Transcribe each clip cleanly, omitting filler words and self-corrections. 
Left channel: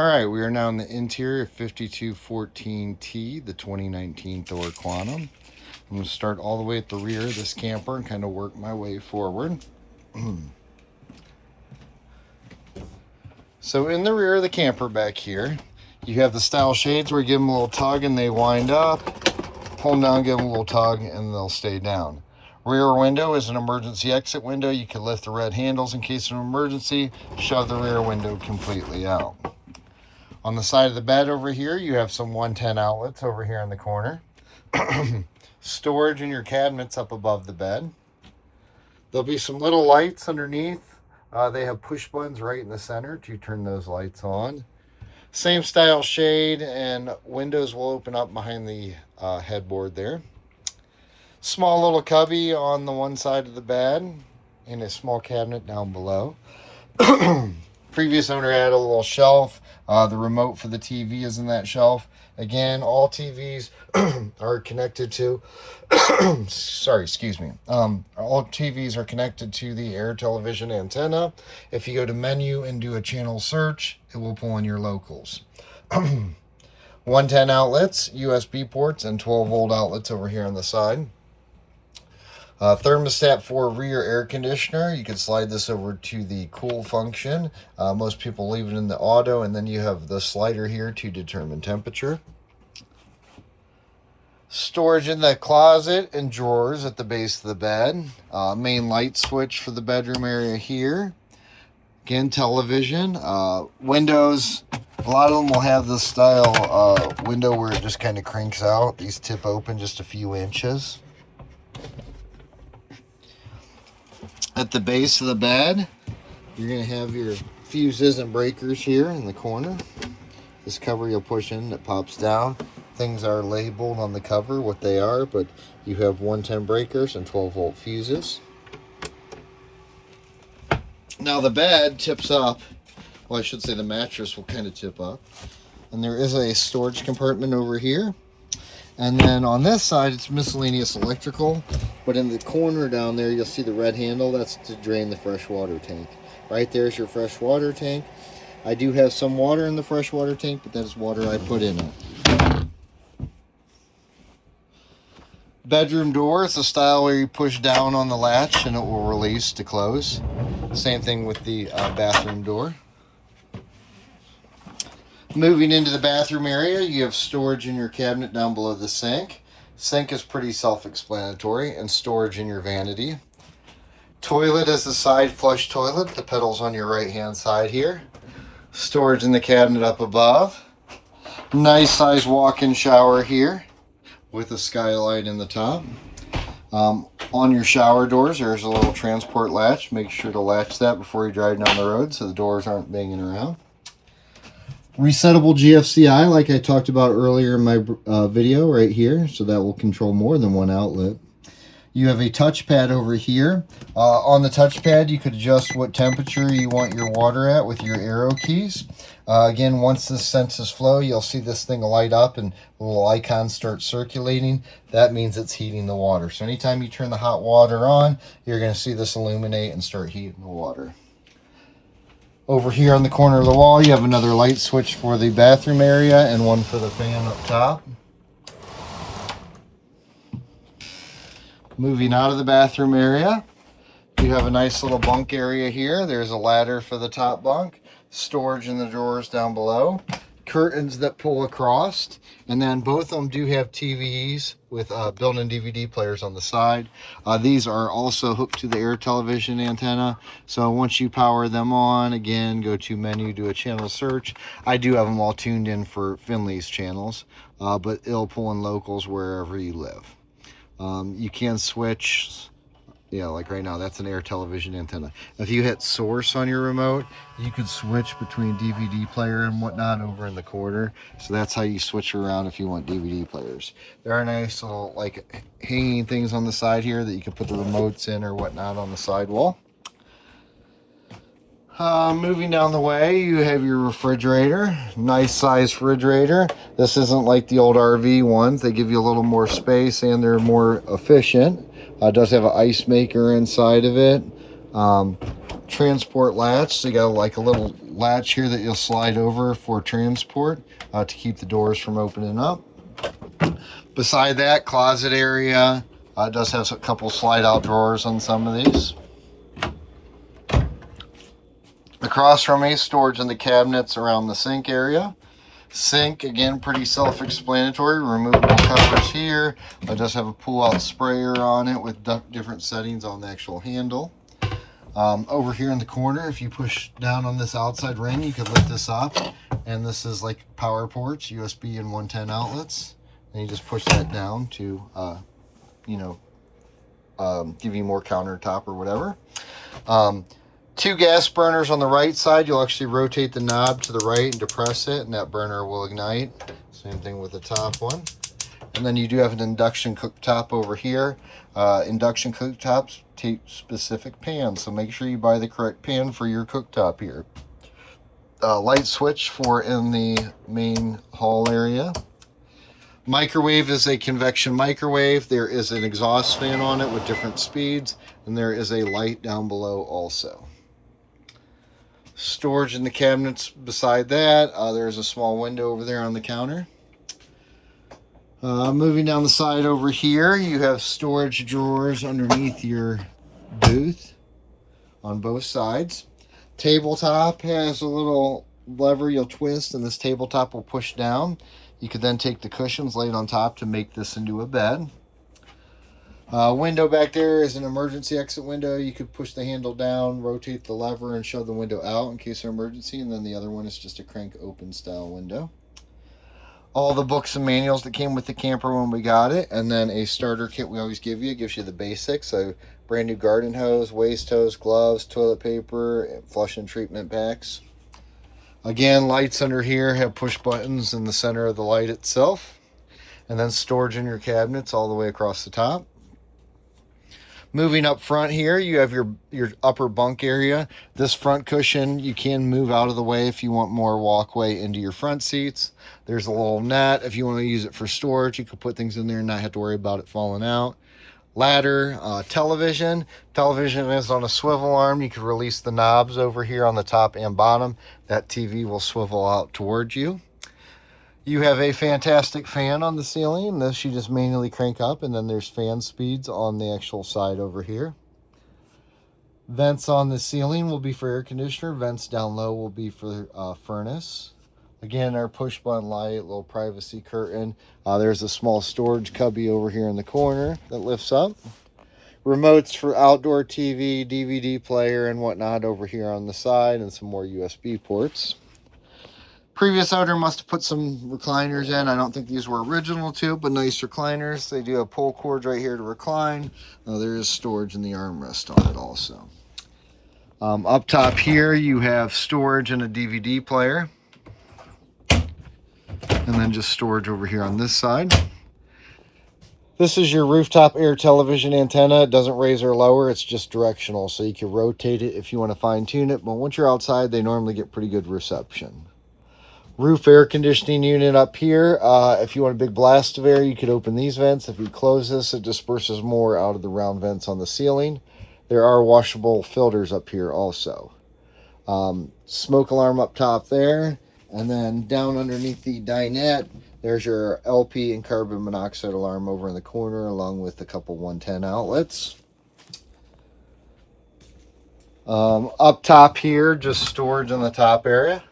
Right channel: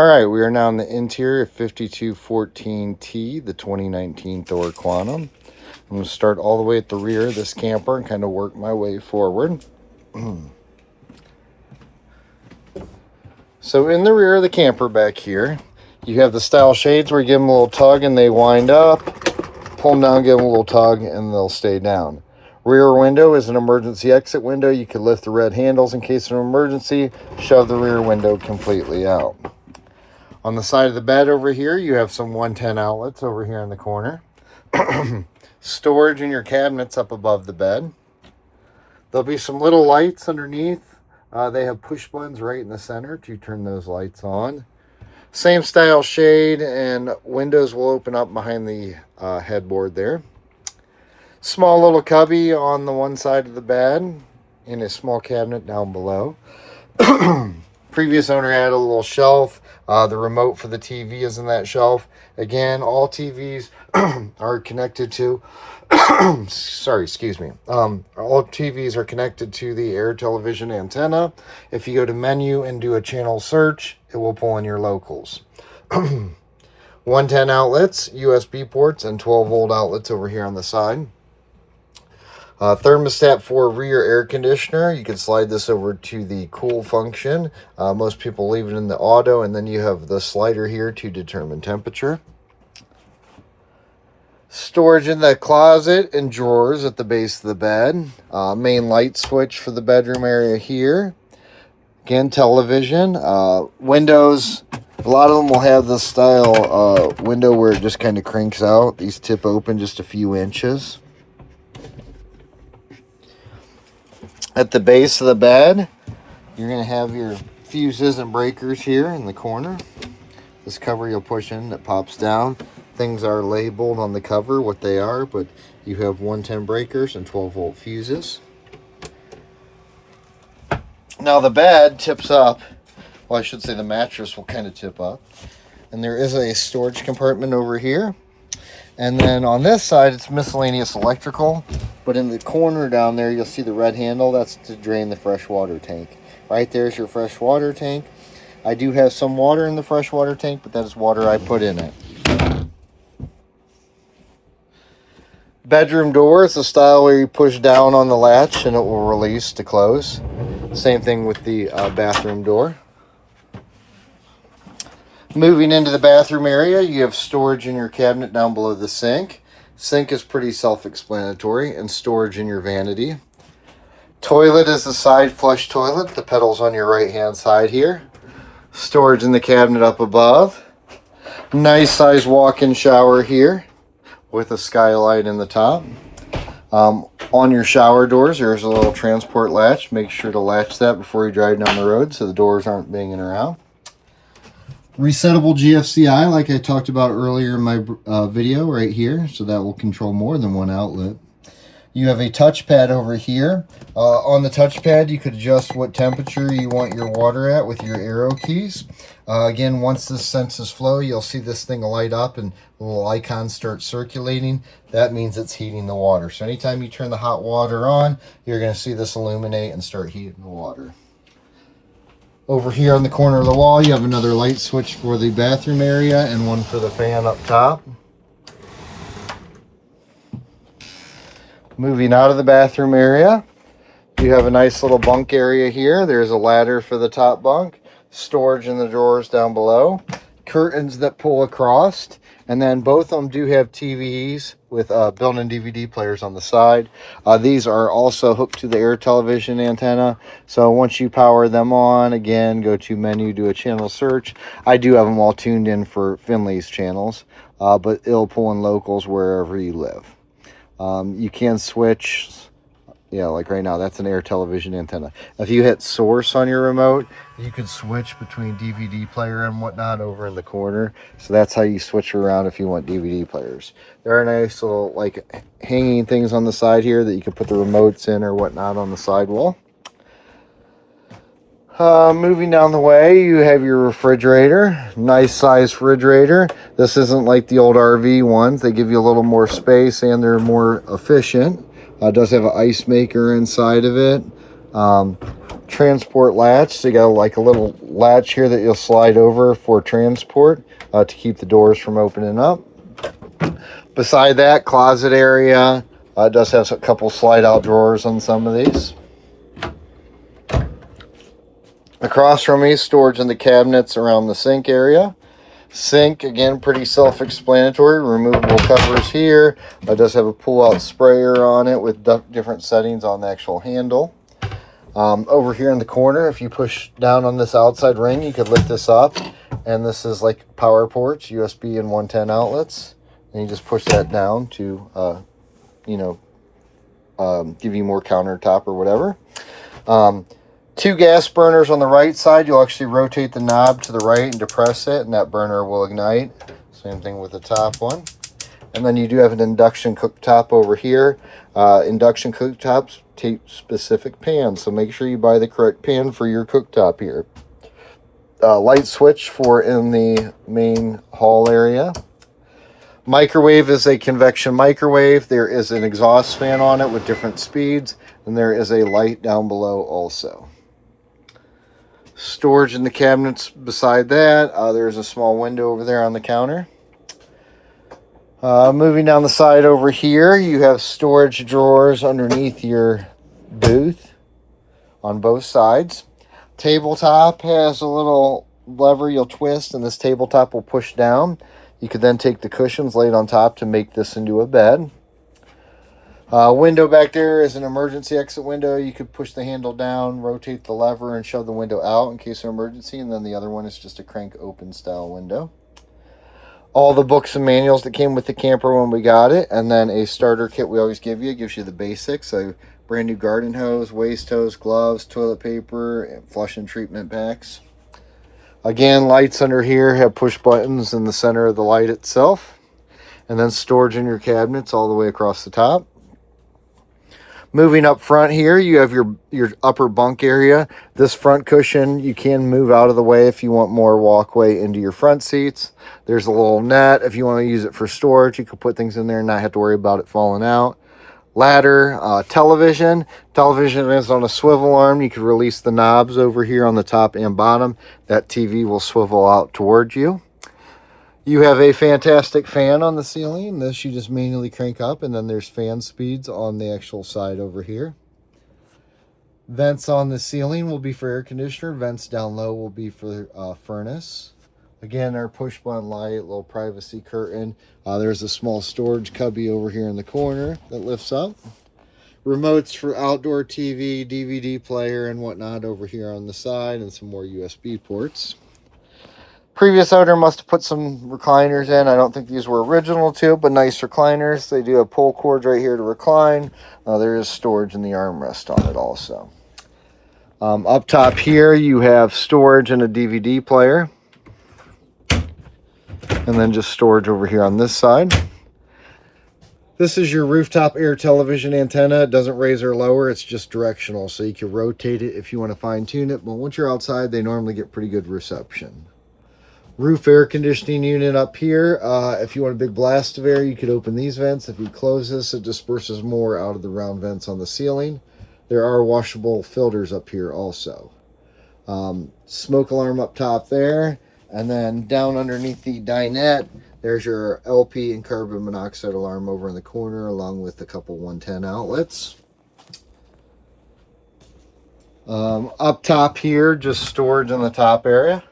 All right, we are now in the interior of 5214T, the 2019 Tho Quantum. I'm going to start all the way at the rear of this camper and kind of work my way forward. So in the rear of the camper back here, you have the style shades where you give them a little tug and they wind up. Pull them down, give them a little tug, and they'll stay down. Rear window is an emergency exit window. You can lift the red handles in case of an emergency, shove the rear window completely out. On the side of the bed over here, you have some 110 outlets over here in the corner. Storage in your cabinets up above the bed. There'll be some little lights underneath. They have push buttons right in the center to turn those lights on. Same style shade, and windows will open up behind the headboard there. Small little cubby on the one side of the bed and a small cabinet down below. Previous owner had a little shelf. The remote for the TV is in that shelf. Again, all TVs are connected to sorry, excuse me. All TVs are connected to the air television antenna. If you go to menu and do a channel search, it will pull in your locals. 110 outlets, USB ports, and 12-volt outlets over here on the side. Thermostat for rear air conditioner. You can slide this over to the cool function. Most people leave it in the auto, and then you have the slider here to determine temperature. Storage in the closet and drawers at the base of the bed. Main light switch for the bedroom area here. Again, television. Windows. A lot of them will have this style window where it just kind of cranks out. These tip open just a few inches. At the base of the bed, you're going to have your fuses and breakers here in the corner. This cover you'll push in that pops down. Things are labeled on the cover what they are, but you have 110 breakers and 12-volt fuses. Now the bed tips up. Well, I should say the mattress will kind of tip up. And there is a storage compartment over here. And then on this side, it's miscellaneous electrical. But in the corner down there, you'll see the red handle. That's to drain the fresh water tank. Right there's your fresh water tank. I do have some water in the fresh water tank, but that is water I put in it. Bedroom door is the style where you push down on the latch and it will release to close. Same thing with the bathroom door. Moving into the bathroom area, you have storage in your cabinet down below the sink. Sink is pretty self-explanatory, and storage in your vanity. Toilet is the side flush toilet. The pedal's on your right-hand side here. Storage in the cabinet up above. Nice size walk-in shower here with a skylight in the top. On your shower doors, there's a little transport latch. Make sure to latch that before you drive down the road so the doors aren't banging around. Resettable GFCI, like I talked about earlier in my video right here, so that will control more than one outlet. You have a touchpad over here. On the touchpad, you could adjust what temperature you want your water at with your arrow keys. Again, once this senses flow, you'll see this thing light up and the little icons start circulating. That means it's heating the water. So anytime you turn the hot water on, you're going to see this illuminate and start heating the water. Over here on the corner of the wall, you have another light switch for the bathroom area and one for the fan up top. Moving out of the bathroom area, you have a nice little bunk area here. There's a ladder for the top bunk, storage in the drawers down below, curtains that pull across, and then both of them do have TVs with built-in DVD players on the side. These are also hooked to the air television antenna, so once you power them on, again, go to menu, do a channel search. I do have them all tuned in for Finley's channels, but it'll pull in locals wherever you live. You can switch, like right now, that's an air television antenna. If you hit source on your remote, you could switch between DVD player and whatnot over in the corner. So that's how you switch around if you want DVD players. There are nice little like hanging things on the side here that you can put the remotes in or whatnot on the sidewall. Moving down the way, you have your refrigerator. Nice size refrigerator. This isn't like the old RV ones. They give you a little more space and they're more efficient. It does have an ice maker inside of it. transport latch. So you got like a little latch here that you'll slide over for transport to keep the doors from opening up. Beside that, closet area. It does have a couple slide out drawers on some of these. Across from me, storage in the cabinets around the sink area. Sink, again, pretty self-explanatory. Removable covers here. It does have a pull-out sprayer on it with different settings on the actual handle. Over here in the corner, if you push down on this outside ring, you could lift this up. And this is like power ports, USB and 110 outlets. And you just push that down to, give you more countertop or whatever. 2 gas burners on the right side. You'll actually rotate the knob to the right and depress it, and that burner will ignite. Same thing with the top one. And then you do have an induction cooktop over here. Induction cooktops take specific pans, so make sure you buy the correct pan for your cooktop here. Light switch for in the main hall area. Microwave is a convection microwave. There is an exhaust fan on it with different speeds, and there is a light down below also. Storage in the cabinets beside that. There's a small window over there on the counter. Moving down the side over here, you have storage drawers underneath your booth on both sides. Tabletop has a little lever you'll twist, and this tabletop will push down. You could then take the cushions, lay it on top to make this into a bed. Window back there is an emergency exit window. You could push the handle down, rotate the lever, and shove the window out in case of emergency. And then the other one is just a crank open style window. All the books and manuals that came with the camper when we got it. And then a starter kit we always give you. It gives you the basics. So brand new garden hose, waste hose, gloves, toilet paper, and flush and treatment packs. Again, lights under here have push buttons in the center of the light itself. And then storage in your cabinets all the way across the top. Moving up front here, you have your upper bunk area. This front cushion, you can move out of the way if you want more walkway into your front seats. There's a little net. If you want to use it for storage, you could put things in there and not have to worry about it falling out. Ladder, television. Television is on a swivel arm. You can release the knobs over here on the top and bottom. That TV will swivel out towards you. You have a fantastic fan on the ceiling. This you just manually crank up, and then there's fan speeds on the actual side over here. Vents on the ceiling will be for air conditioner. Vents down low will be for furnace. Again, our push button light, little privacy curtain. There's a small storage cubby over here in the corner that lifts up. Remotes for outdoor TV, DVD player, and whatnot over here on the side, and some more USB ports. Previous owner must have put some recliners in. I don't think these were original to it, but nice recliners. They do have pull cords right here to recline. There is storage in the armrest on it also. Up top here, you have storage and a DVD player. And then just storage over here on this side. This is your rooftop air television antenna. It doesn't raise or lower. It's just directional, so you can rotate it if you want to fine tune it. But once you're outside, they normally get pretty good reception. Roof air conditioning unit up here. If you want a big blast of air, you could open these vents. If you close this, it disperses more out of the round vents on the ceiling. There are washable filters up here also. Smoke alarm up top there. And then down underneath the dinette, there's your LP and carbon monoxide alarm over in the corner, along with a couple 110 outlets. Up top here, just storage in the top area.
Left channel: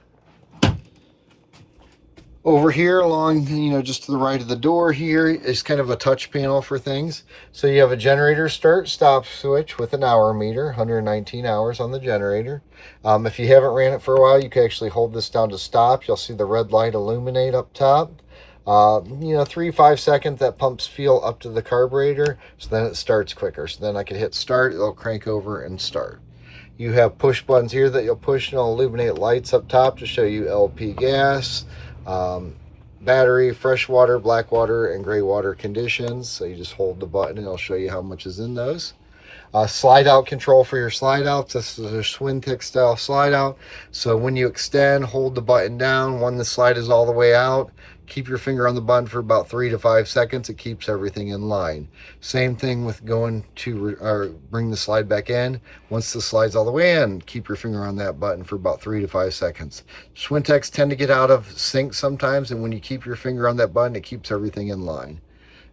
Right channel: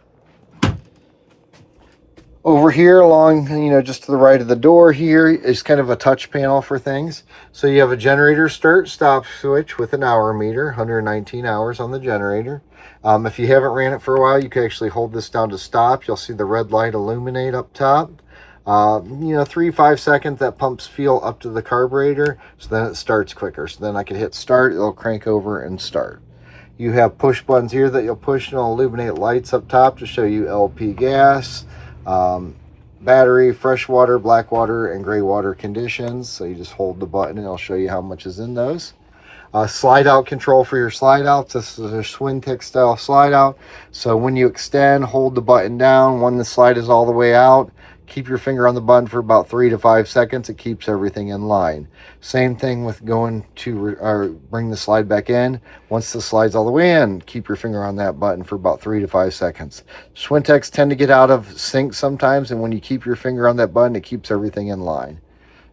Over here along, just to the right of the door here is kind of a touch panel for things. So you have a generator start-stop switch with an hour meter, 119 hours on the generator. If you haven't ran it for a while, you can actually hold this down to stop. You'll see the red light illuminate up top. 3-5 seconds, that pumps fuel up to the carburetor, so then it starts quicker. So then I can hit start, it'll crank over and start. You have push buttons here that you'll push, and it'll illuminate lights up top to show you LP gas, battery, fresh water, black water, and gray water conditions. So you just hold the button and it'll show you how much is in those. Slide out control for your slide out. This is a Swintech style slide out. So when you extend, hold the button down. When the slide is all the way out, Keep your finger on the button for about 3 to 5 seconds. It keeps everything in line. Same thing with going to bring the slide back in. Once the slide's all the way in, keep your finger on that button for about 3 to 5 seconds. Schwintex tend to get out of sync sometimes, and when you keep your finger on that button, it keeps everything in line.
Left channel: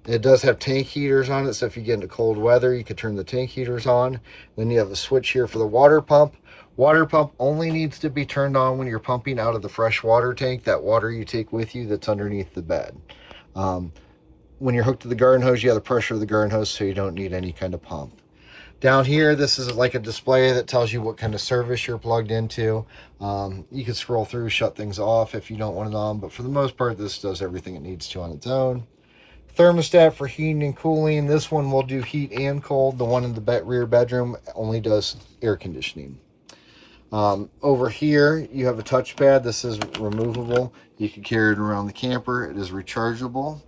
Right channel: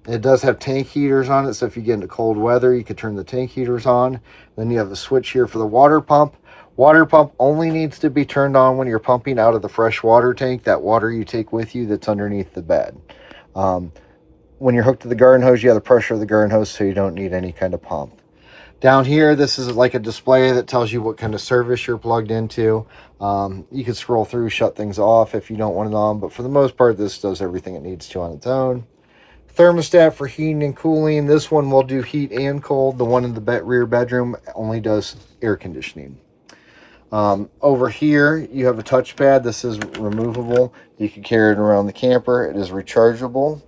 It does have tank heaters on it, so if you get into cold weather, you can turn the tank heaters on. Then you have a switch here for the water pump. Water pump only needs to be turned on when you're pumping out of the fresh water tank, that water you take with you that's underneath the bed. When you're hooked to the garden hose, you have the pressure of the garden hose, so you don't need any kind of pump. Down here, this is like a display that tells you what kind of service you're plugged into. You can scroll through, shut things off if you don't want it on, but for the most part, this does everything it needs to on its own. Thermostat for heating and cooling. This one will do heat and cold. The one in the rear bedroom only does air conditioning. Over here, you have a touchpad. This is removable. You can carry it around the camper. It is rechargeable.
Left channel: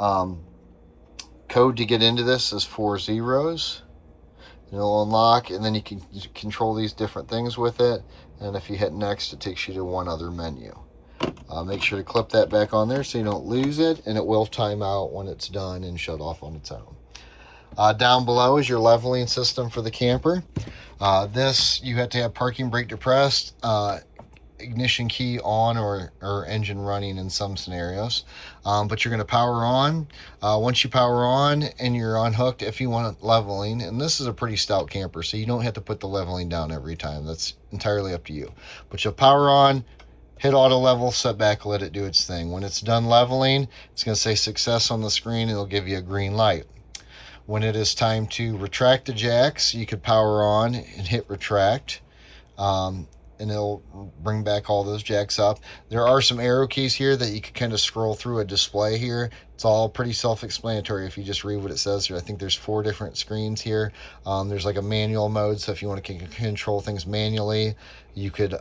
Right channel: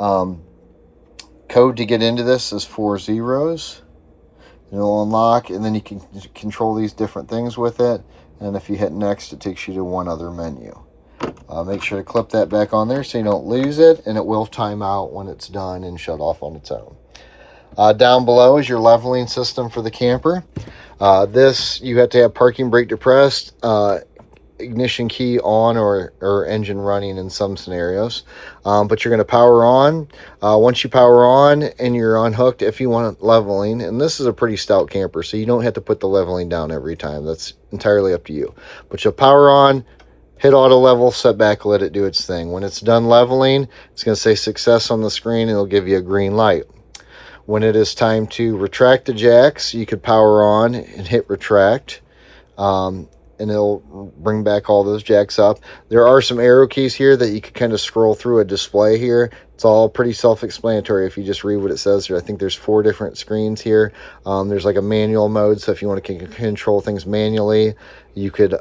Code to get into this is 4 zeros. It'll unlock, and then you can control these different things with it. And if you hit next, it takes you to one other menu. Make sure to clip that back on there so you don't lose it, and it will time out when it's done and shut off on its own. Down below is your leveling system for the camper. This, you have to have parking brake depressed, ignition key on, or engine running in some scenarios. But you're going to power on. Once you power on and you're unhooked, if you want leveling, and this is a pretty stout camper, so you don't have to put the leveling down every time. That's entirely up to you. But you'll power on, hit auto level, set back, let it do its thing. When it's done leveling, it's going to say success on the screen, and it'll give you a green light. When it is time to retract the jacks, you could power on and hit retract, and it'll bring back all those jacks up. There are some arrow keys here that you can kind of scroll through a display here. It's all pretty self-explanatory if you just read what it says here. I think there's 4 different screens here. There's like a manual mode, so if you want to control things manually, you could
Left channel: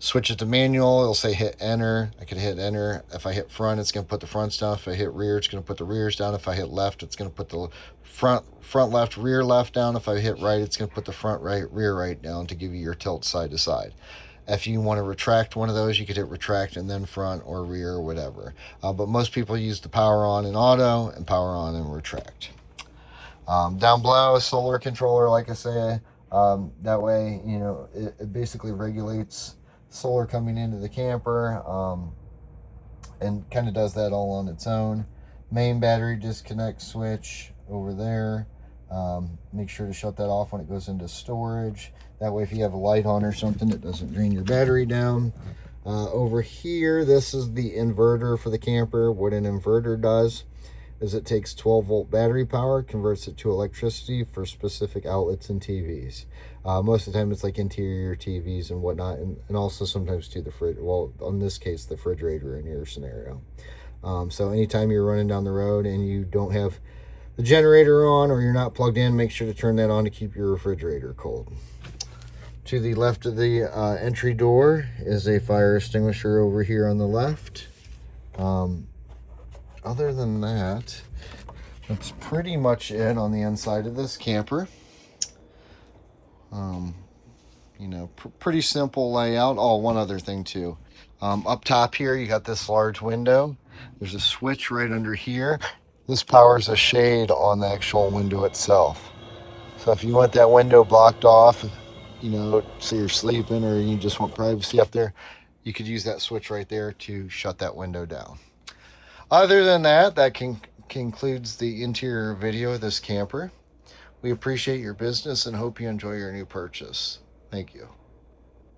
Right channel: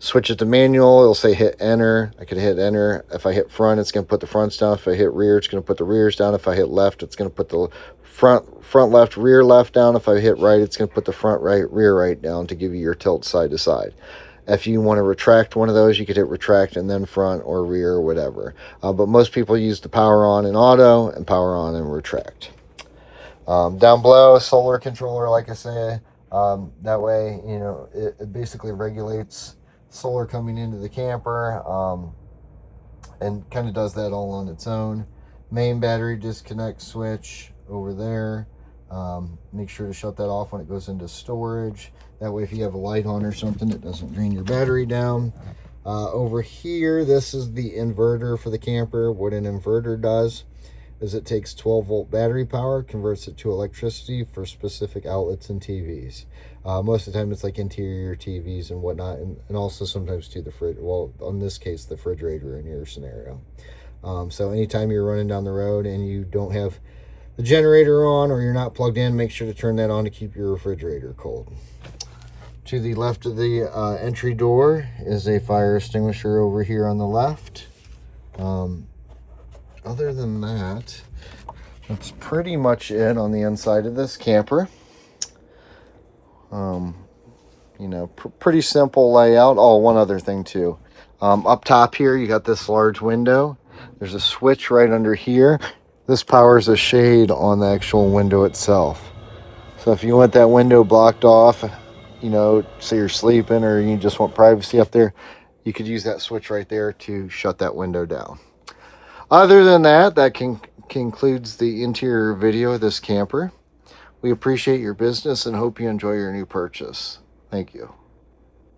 switch it to manual. It'll say hit enter. I could hit enter. If I hit front, it's going to put the fronts down. If I hit rear, it's going to put the rears down. If I hit left, it's going to put the front left, rear left down. If I hit right, it's going to put the front right, rear right down to give you your tilt side to side. If you want to retract one of those, you could hit retract and then front or rear or whatever. But most people use the power on in auto and power on and retract. Down below, a solar controller, like I say. That way, you know, it basically regulates solar coming into the camper, and kind of does that all on its own. Main battery disconnect switch over there. Make sure to shut that off when it goes into storage. That way, if you have a light on or something, it doesn't drain your battery down. Over here, this is the inverter for the camper. What an inverter does is it takes 12-volt battery power, converts it to electricity for specific outlets and TVs. Most of the time, it's like interior TVs and whatnot, and also sometimes to the fridge. Well, in this case, the refrigerator in your scenario. So anytime you're running down the road and you don't have the generator on, or you're not plugged in, make sure to turn that on to keep your refrigerator cold. To the left of the entry door is a fire extinguisher over here on the left. Other than that, that's pretty much it on the inside of this camper. You know, pretty simple layout. Oh, one other thing too. Up top here, you got this large window. There's a switch right under here. This powers a shade on the actual window itself. So if you want that window blocked off, you know, say you're sleeping or you just want privacy up there, you could use that switch right there to shut that window down. Other than that, that concludes the interior video of this camper. We appreciate your business and hope you enjoy your new purchase. Thank you.